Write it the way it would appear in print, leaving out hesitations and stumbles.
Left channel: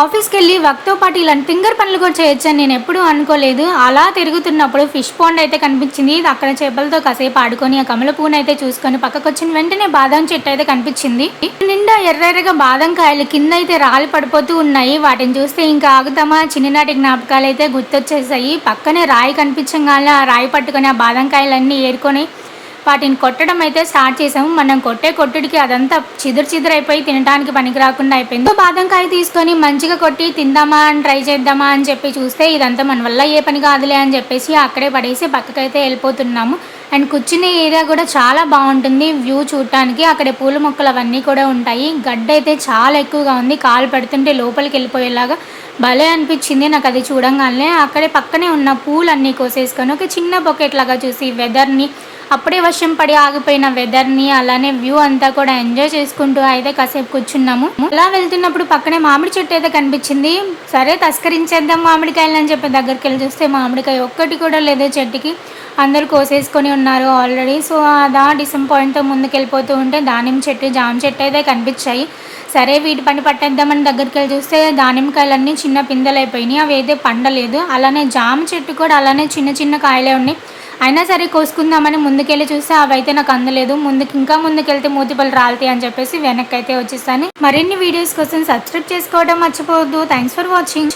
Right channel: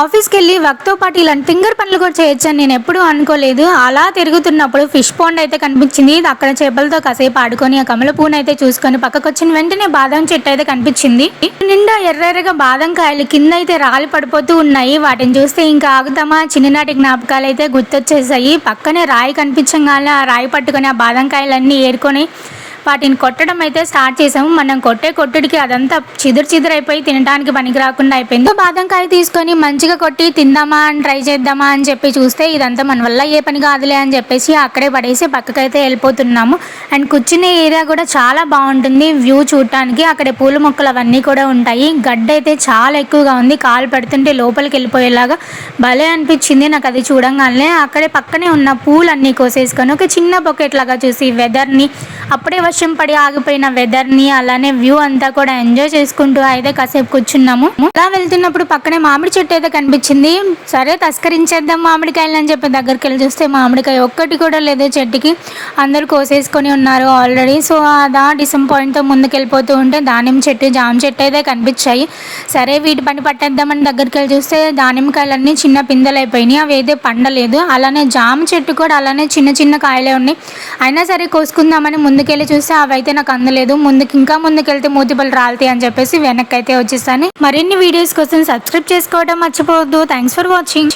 ఆఫీస్‌కి వెళ్ళి వర్క్‌తో పాటు ఇలాంటి ఫింగర్ పనులు కూడా చేయొచ్చని నేను ఎప్పుడూ అనుకోలేదు. అలా తిరుగుతున్నప్పుడు ఫిష్ పాండ్ అయితే కనిపించింది. అక్కడ చేపలతో కాసేపు ఆడుకొని, ఆ కమల పువ్వునైతే చూసుకొని పక్కకొచ్చిన వెంటనే బాదం చెట్టు అయితే కనిపించింది. నిండా ఎర్రెర్రగా బాదం కాయలు కిందైతే రాలి పడిపోతూ ఉన్నాయి. వాటిని చూస్తే ఇంకా ఆగుతామా? చిన్ననాటి జ్ఞాపకాలైతే గుర్తొచ్చేసాయి. పక్కనే రాయి కనిపించంగానే ఆ రాయి పట్టుకొని ఆ బాదం కాయలన్నీ ఏరుకొని వాటిని కొట్టడం అయితే స్టార్ట్ చేసాము. మనం కొట్టే కొట్టుడికి అదంతా చిదురైపోయి తినడానికి పనికి రాకుండా అయిపోయింది. బాదంకాయ తీసుకొని మంచిగా కొట్టి తిందామా అని ట్రై చేద్దామా అని చెప్పి చూస్తే ఇదంతా మన వల్ల ఏ పని కాదులే అని చెప్పేసి అక్కడే పడేసి పక్కకైతే వెళ్ళిపోతున్నాము. అండ్ కూర్చునే ఏరియా కూడా చాలా బాగుంటుంది వ్యూ చూడటానికి. అక్కడ పూల మొక్కలు అవన్నీ కూడా ఉంటాయి. గడ్డ అయితే చాలా ఎక్కువగా ఉంది. కాలు పెడుతుంటే లోపలికి వెళ్ళిపోయేలాగా భలే అనిపించింది నాకు అది చూడంగానే. అక్కడే పక్కనే ఉన్న పూలన్నీ కోసేసుకొని ఒక చిన్న బొకెట్ లాగా చూసి వెదర్ని, అప్పుడే వర్షం పడి ఆగిపోయిన వెదర్ని, అలానే వ్యూ అంతా కూడా ఎంజాయ్ చేసుకుంటూ అయితే కాసేపు కూర్చున్నాము. అలా వెళ్తున్నప్పుడు పక్కనే మామిడి చెట్టు అయితే కనిపించింది. సరే తస్కరించేద్దాం మామిడికాయలు అని చెప్పి దగ్గరికి వెళ్ళి చూస్తే మామిడికాయ ఒక్కటి కూడా లేదు చెట్టుకి. అందరు కోసేసుకొని ఉన్నారు ఆల్రెడీ. సో అదా డిసప్పాయింట్తో ముందుకెళ్ళిపోతూ ఉంటే దానిమ్మ చెట్టు, జామ చెట్టు అయితే కనిపించాయి. సరే వీటి పని పట్టేద్దామని దగ్గరికి వెళ్ళి చూస్తే దానిమ్మకాయలన్నీ చిన్న పిందెలు అయిపోయినాయి. అవి అయితే పండలేదు. అలానే జామ చెట్టు కూడా అలానే చిన్న చిన్న కాయలే ఉన్నాయి. అయినా సరే కోసుకుందామని ముందుకెళ్ళి చూస్తే అవైతే నాకు అందలేదు. ఇంకా ముందుకెళ్తే మూతిపళ్ళు రాలుతాయి అని చెప్పేసి వెనక్కి అయితే వచ్చేసాను. మరిన్ని వీడియోస్ కోసం సబ్స్క్రైబ్ చేసుకోవడం మర్చిపోవద్దు. Thanks for watching.